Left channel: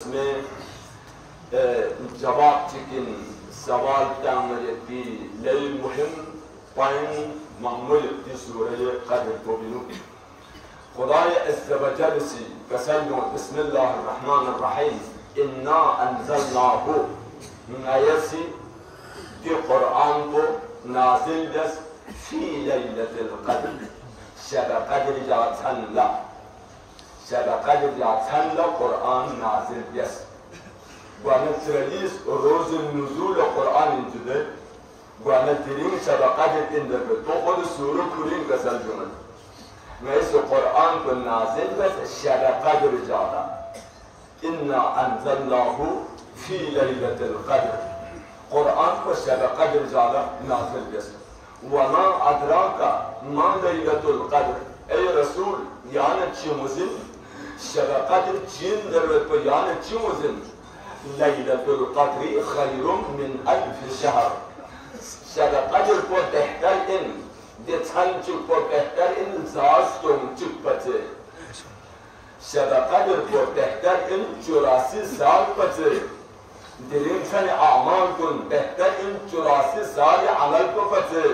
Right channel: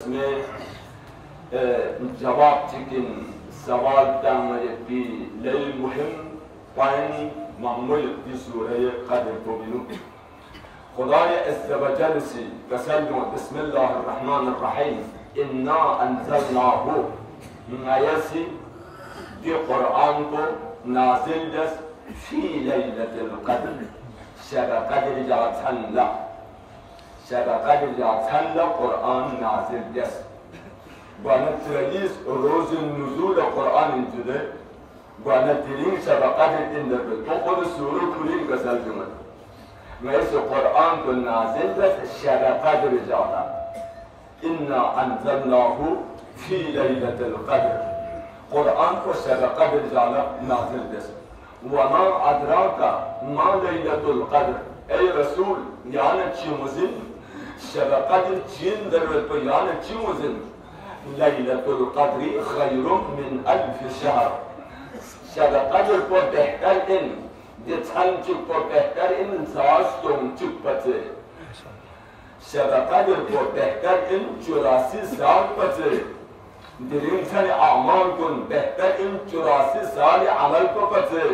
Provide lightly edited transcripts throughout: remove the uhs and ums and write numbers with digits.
में जवाब चिकन सवाल तामरे की लई मुहिम पाइन मामूल की सूरह क़द्र को बिनु खुदा अज़्ज़ व जल से कसम बिस्मिल्लाहिर्रहमानिर्रहीम इन्ना अंज़लनाहु नयसी दी कुरान को नाज़िल दस फी लैलतिल क़द्र शब क़द्र जातंला शब क़द्र जातंला कुरान नाज़िल दस गवर्नमेंट रिलीज रोज़ नुज़ूल कुरान जुदे गवर्नमेंट तिरीन शब क़द्र इन तो खुद सूरह पूरी गसल जुमल मैं इस कुरान को नाज़िल दस शब क़द्र जाना इन्ना अंज़लनाहु फी लैलतिल क़द्र कुरान को शब क़द्र जाना नाज़िल दस वमा अदराका मा लैलतुल क़द्र ऐ रसूल यान चीमुजिन शब क़द्र चीन दरवत पर यान चीमुजिन लैलतुल क़द्र खैरुम मिन अल्फ शहर शब क़द्र को बेहतर इन दिछंच को बेहतर इन जास तो चुपचे शब क़द्र को बेहतर इन 84 साल पचे दिरिंसन अमाल कुन बेहतर इन 84 साल अमल को पचे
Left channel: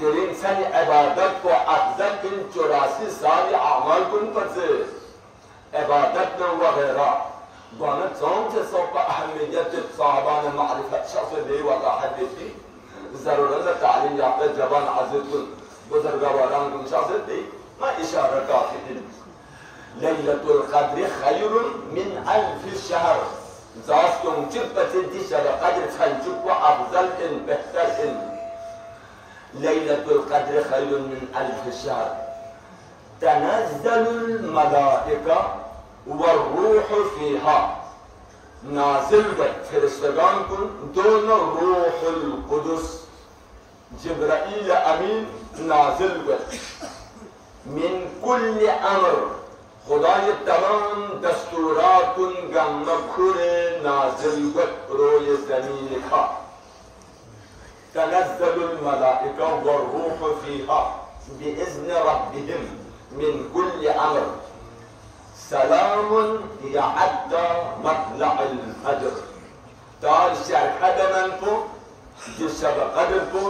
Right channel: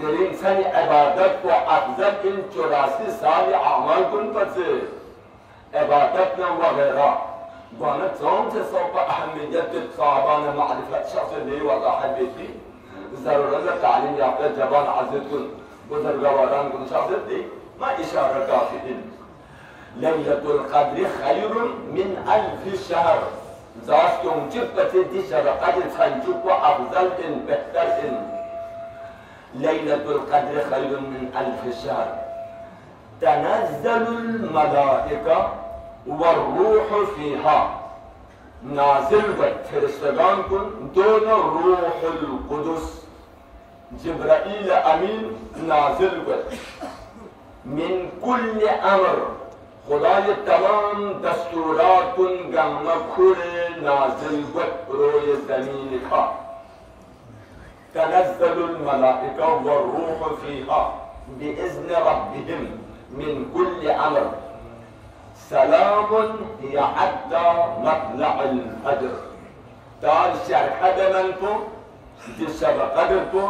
दिरिंसन इबादत को अफजल इन 84 साल अमाल कुन पचे इबादत न वगैरह गवर्नमेंट सोम से सोपा अहमियत साहबान मारिफत शख्स ले वाला हदीसी जरूरत तालीम याफ्ता जवान आजिद कुन बुजुर्गवारान कुन शख्स दे मैं इशारा काफी लैलतुल क़द्र खैरुन मिन अल्फ शहर जास्तों चिपते दिशा क़द्र फंजु को अफजल इन बेहतर इन लैलतुल क़द्र खैरुन मिन अल्फ शहर तनज़्ज़लुल मलाइका वर्रूह फीहा नाज़िल फरिश्तगान को दोनों रूहुल कुदुस जिब्राईल अमीन नाज़िल मिन कुल्ल अमर खुदा ये तमाम दस्तूरात गंगा खुरे नाज़िल रोए ज़मीन का तनज़्ज़लुल मलाइका वर्रूह फीहा बिइज़्नि रब्बिहिम मिन कुल्ल अमर सलामुन हिया हत्ता मत्लअल फज्र ताल शरह दमन को जिस शब क़द्र को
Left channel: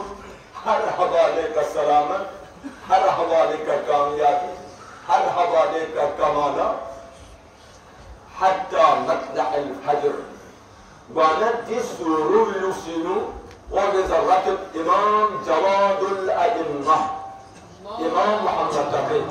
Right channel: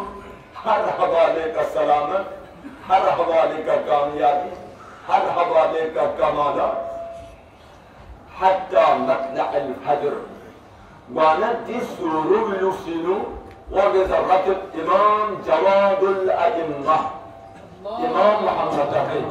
हर हवाले का सलामत हर हवाले का कामयाबी हर हवाले का कमाला हत्ता मत्लअल फज्र वानत सूरुल लुसिलु और ज़र्रत इमाम जवादुल अइम्मा इमाम मोहम्मद तक़ी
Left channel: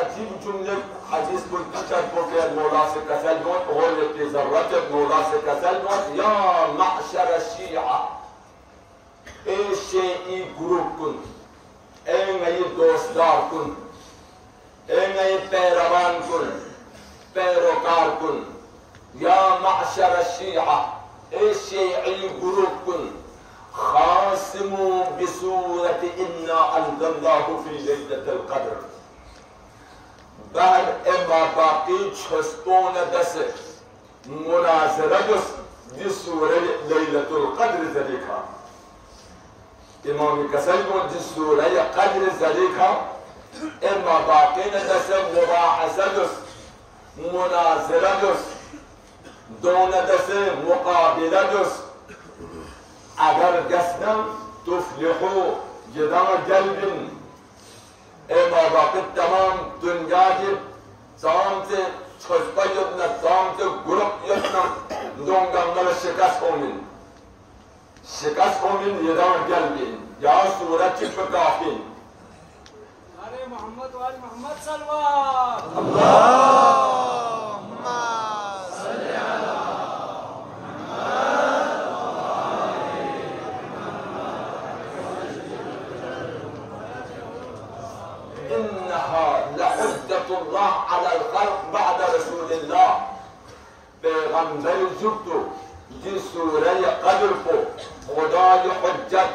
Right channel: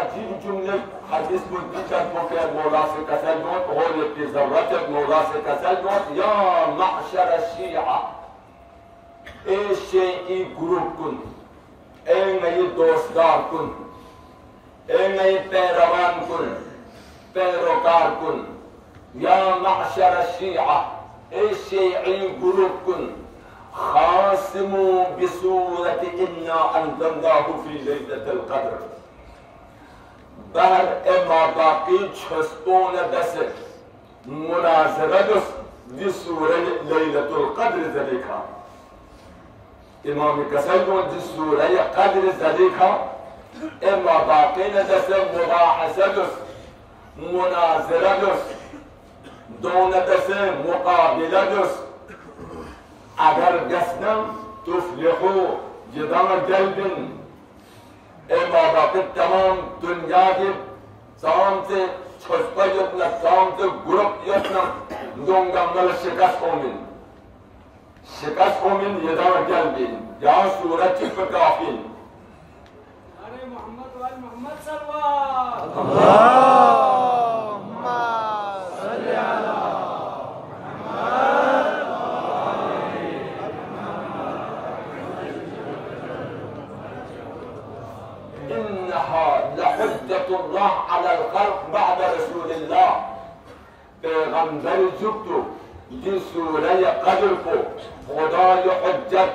अजीब जुमले हदीस में पूछा तो क्या मौला से कसल जोत हो लेते ज़रूरत मौला से कसल जोत या माशर शिया ए शेई ग्रुप कुन ए नई दोस्तदार कुन ए नई पैरवान कुन पैरोकार कुन या माशर शिया ए शेई ग्रुप कुन खासिमु बिसूरत इन्ना अंज़लनाहु फी लैलतिल क़द्र बहर एमा बाकी छस्पोन दस मुनाज़रत जिस सूरह लैलतुल क़द्र ज़लिका इमाम कसल को जिस सूरह क़द्र ज़लिका एमा बाकी न दस मुबाहसत मुनाज़रत दोन दस मुक़ाबिलत अगर दसनम तुफ्लिहु जदान जल्बिन एमा बाकी तमाम दुनिया के साम से छस्पा यत्न साम से ग्रुप यत्न दोंगा मल शिकस्त कोमिन यदार जल्बिन जहाँ सूरज चिप काफिन अरे मोहम्मद वाल मोहम्मद सल्लल्लाहु بعد रसूल पैगंबर जुटो जिस सूरह क़द्र को खुदा ये हुज्जत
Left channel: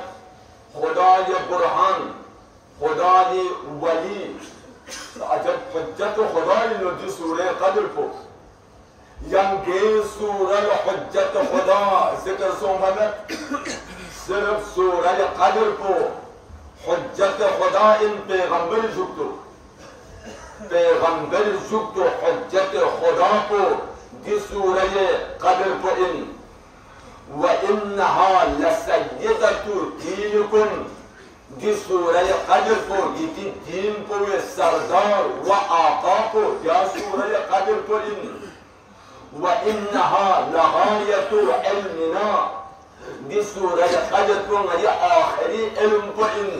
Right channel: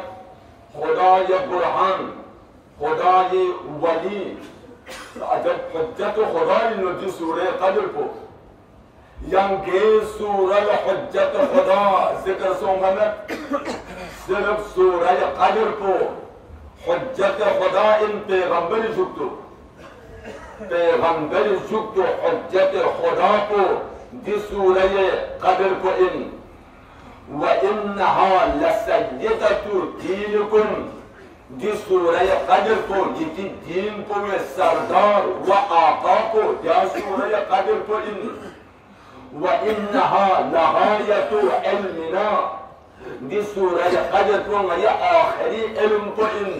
खुदा ये बुरहान खुदा ये वली अजब हुज्जत खुदा ने जिस सूरह क़द्र को यंगे सूरज हुज्जत खुदा जिक्र सोमनत सिर्फ सूरज कदर को हुज्जत खुदा इन पैगंबर जुक्तो हुज्जत खुदा को दी सूरज कदर को इन व इन्नहा लसय्यदतु दीनकुम दी सूरज कदर को ये दीन को ये सरदार व आका को या सूरज कदर को इन व इन्नहा लगायतु इल्मिना दी सूरज कदर को ये आखिरी इल्म को इन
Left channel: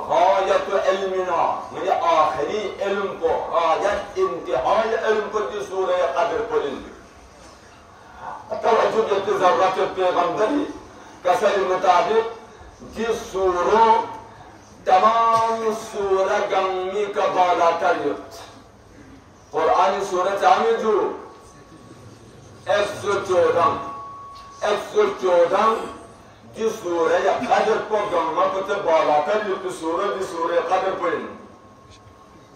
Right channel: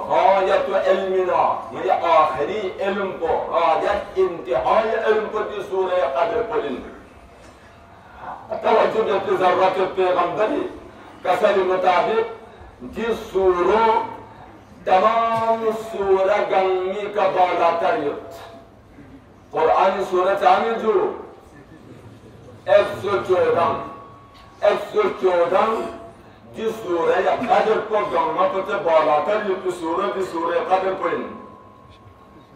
गायतु इल्मिना ये आखिरी इल्म को गायत इंतहाई इल्म को दी सूरज कदर को इन तवज्जो देते ज़रूरत पैगंबरी कसर मुताबिक जिस सूरों तमाम सूरा गमी का बाला तरीक़ कुरानी सूरत आने जो 114 जिस सूरह कदर को गंगा पते बाला तरीक़ सूरह की सूरह कदर पढ़ें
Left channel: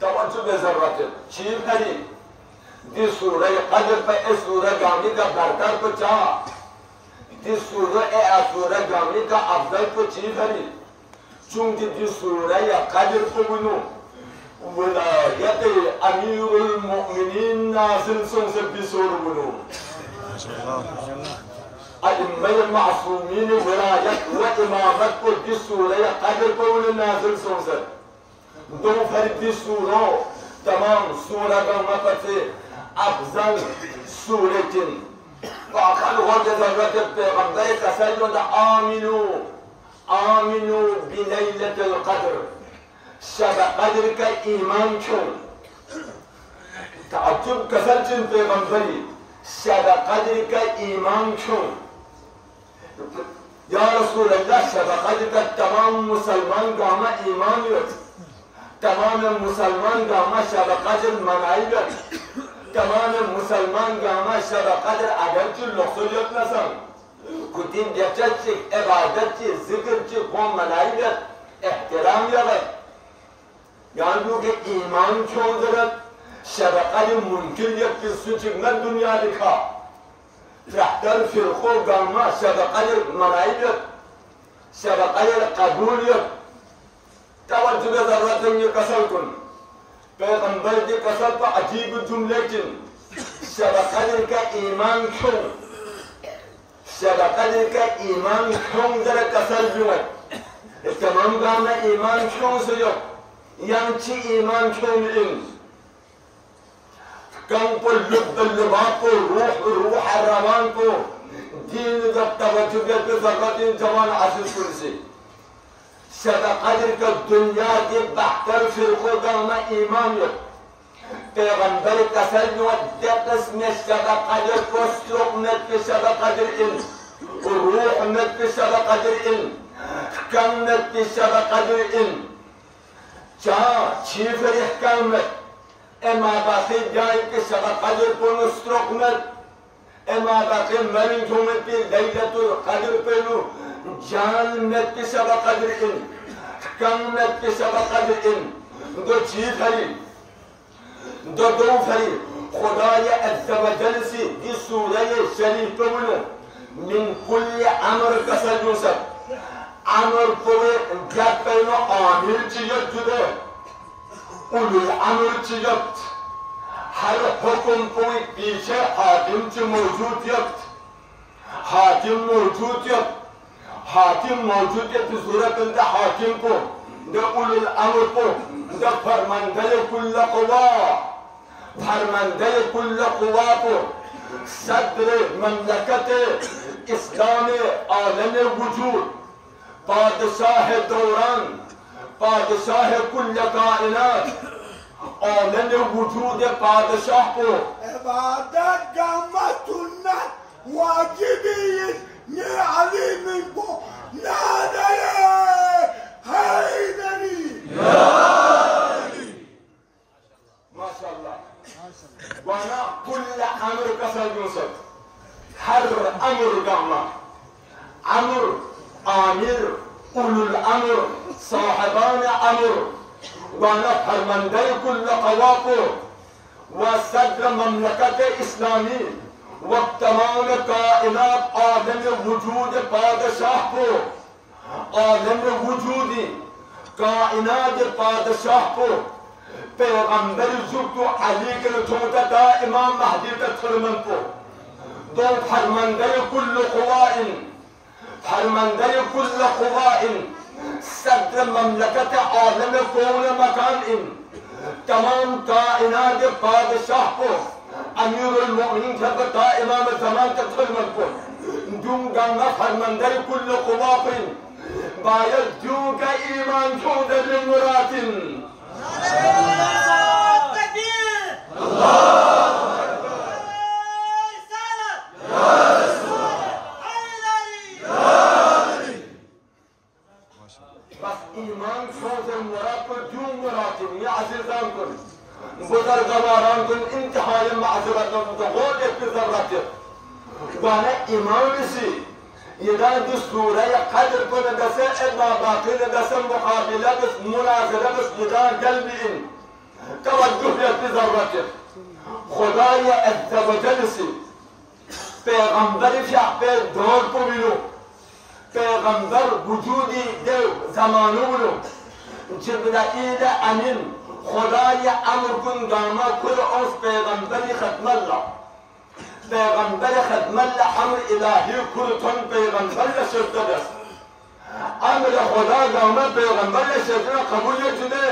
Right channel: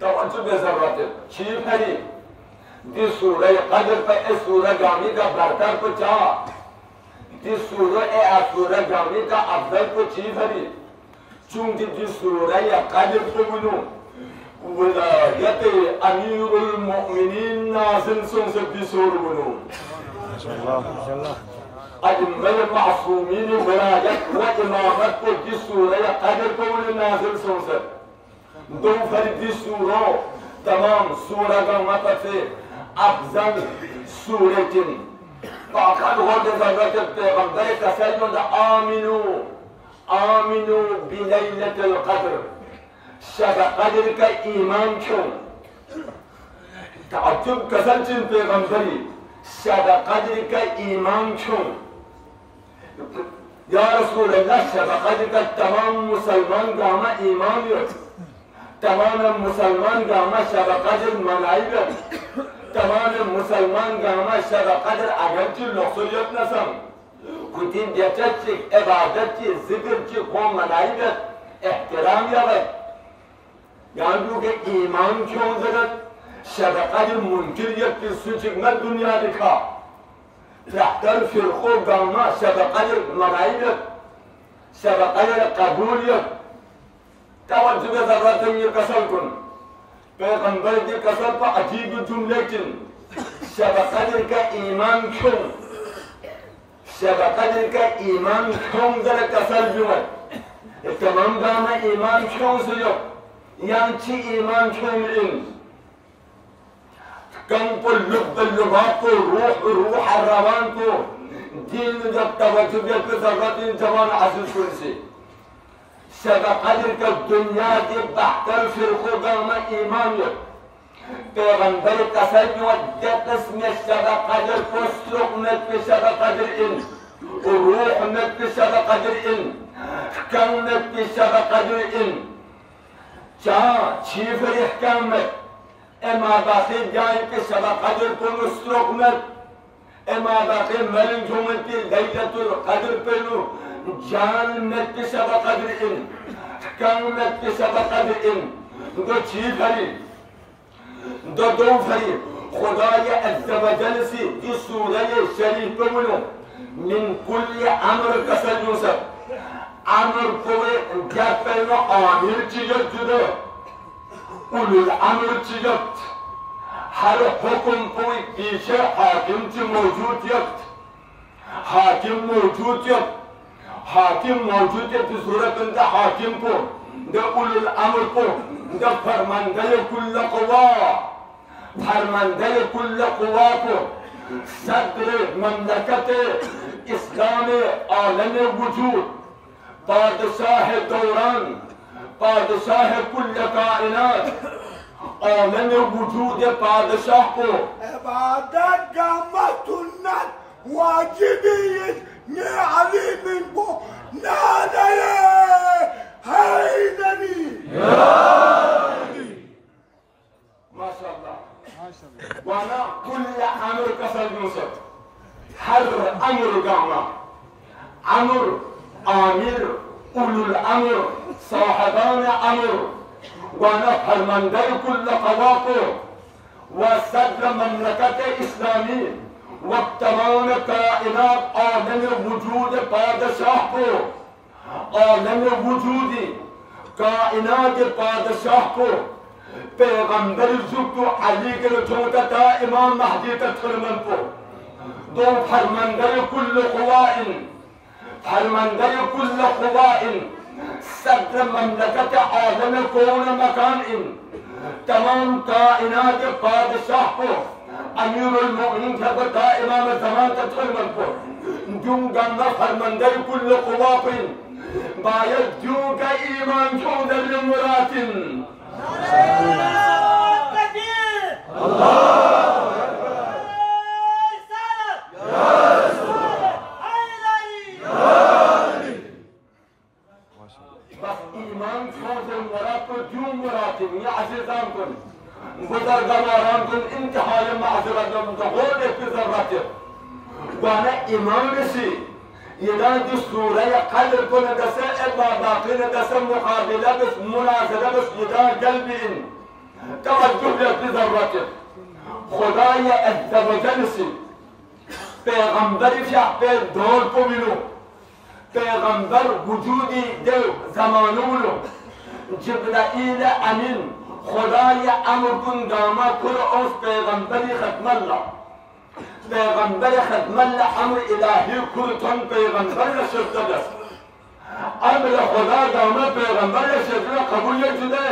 तवज्जो दे ज़रूरत है चीज़ नहीं जिस सूरह कदर पे इस सूरह गामी का बरतर को चाह जिस सूरह गामी का अफजल को चीज है चूंकि जिस सूरह कदर को बिनो विलायत अमीरुल मोमिनीन नाज़िल सुन से बिसूर बिनो माशाअल्लाह अइम्मल मासूमीन विलायत व इमामत को जिस सूरह कदर को उन्हें नाज़िल सुन से दो फरीदी सूरों तमाम सूरह गामा पर से अफजल सूरह जिन पाखल होते ज़रूरत पैगंबर कसर में आमिनु आमिनु बिलैलतिल क़द्र शब क़द्र का ईमान क्यों ताज्जुब कसर जिन पैगंबरी शब क़द्र का ईमान क्यों या रसूल अल्लाह शब क़द्र का तमाम मुसलमान गामा ईमान यो तमाम मुसलमान गामा शब क़द्र मनाई तमाम मुसलमान गामा शब क़द्र अगरचे लुक्सुलियत नसम खुदिन बेचत से इबादत से जिक्र से कौम मनाइयत एहतराम यावत यार लोग ईमान क्यों जरूरत शब क़द्र मुनकिरियत की सूची में दुनिया दिखा रहतर फिरको गामा शब क़द्र मनाइयत शब क़द्र कबूलियत तवज्जो ज़रूरत है ये कसर कुन पैगंबर के कसर पर अजीब जुमले चिन शब क़द्र का ईमान क्यों शब क़द्र का ईमान क्यों जरा कसर जुमत तमाम गामा ईमान क्यों से यो यांची ईमान क्यों इन कम को लुबा को रूह रवान को दीन जब तवज्जो पे ज़रूरत जवान आसिफ कुन से शब क़द्र का दुनिया के बहतर फिरको गामा ईमान यो पैगंबर कसर जो दस में शब क़द्र को स्ट्रोक में के शब क़द्र इन रूह में के शब क़द्र इन कम में के शब क़द्र इन चाह छीफर इहकाम में एमा बाक़ी जाए के शब क़द्र को स्ट्रोक में एमा बाक़ी मरिन जो में के लैलतुल क़द्र पे नो जान में के शब क़द्र इन कम में के शब क़द्र इन दो चीज भरी दो भरी खुदा ये अज़्ज़ व जल से इस सूरह शरीफ पे बोलो मिन कुल्ल अमर कसर जो सब अमर को क्या पहनो आमिर चीज़ जुदे उलुल अमर चीज़ हर हुक्म को पीछे हाकिम ची मौजूदियत हाकिम मौजूदियत हाकिम मौजूद है सूरत अंदर हाकिम को द उलुल अमर को द फरमानदे कुल्ल क़ुवा फरमानदे कुल्ल क़ुवा को सदर ममलकत इस्लाम आलम वजूद बादशाह दौरान बादशाह कुल्ल कायनात आलम वजूद बादशाह को इबादत का सुन्नत वाजिबियत में अलीम को नादे हैदरी माशाअल्लाह वाना कुल्ल अमर कसर यूसुफ हर अमर गामा अमर आमिर उलुल अमर साहिबान अमर वाना फरमानदे कुल्ल क़वा को व सदर ममलकत इस्लामी व तमाम कायनात आलम वजूद बादशाह को, आलम वजूदी कायनात बादशाह को पैगंबर जुक्तु अली के नचोता इमाम महदी तक फरमान को दो फरमांदर कुल्ल क़ुवाइन, फरमांदर कुल्ल क़ुवाइन, सदर ममलकत आलम कौन मकान इन तमाम कायनात बादशाह को अमीरुल मोमिनीन बता इमाम ज़मान तक फरमान को दूंगा मैं फरमांदर कुल्ल क़ुवाइन बायद दूंगा ईमान दूंगा बिलमुरातिन बस ईमान सोच मुराद को जो मुराद या अजीजान को बुजुर्गवारान को इंतहाई माज़रत को होने की ज़रूरत है वाने ईमान से इधर जो सूरह क़द्र को नदसे बाकी नदसे मुकाबला के मुनाज़रा के इधर जल्दी इन तवज्जुह की ज़रूरत है खुदा ये अज़्ज़ व जल से पैगंबर शाह पे दौर को मिलो पैगंबर वजूदी दे ज़मानों जिब्राइल अमीन खुदा ये अमर कुन दामा कुर उस पैगंबरी खत्मल्ला पैगंबर खत्मल्ला अमर इलाही कुरतन पैगंबर शब्द दस अमर खुदा दामा पैगंबर शब्द कबूल जुदे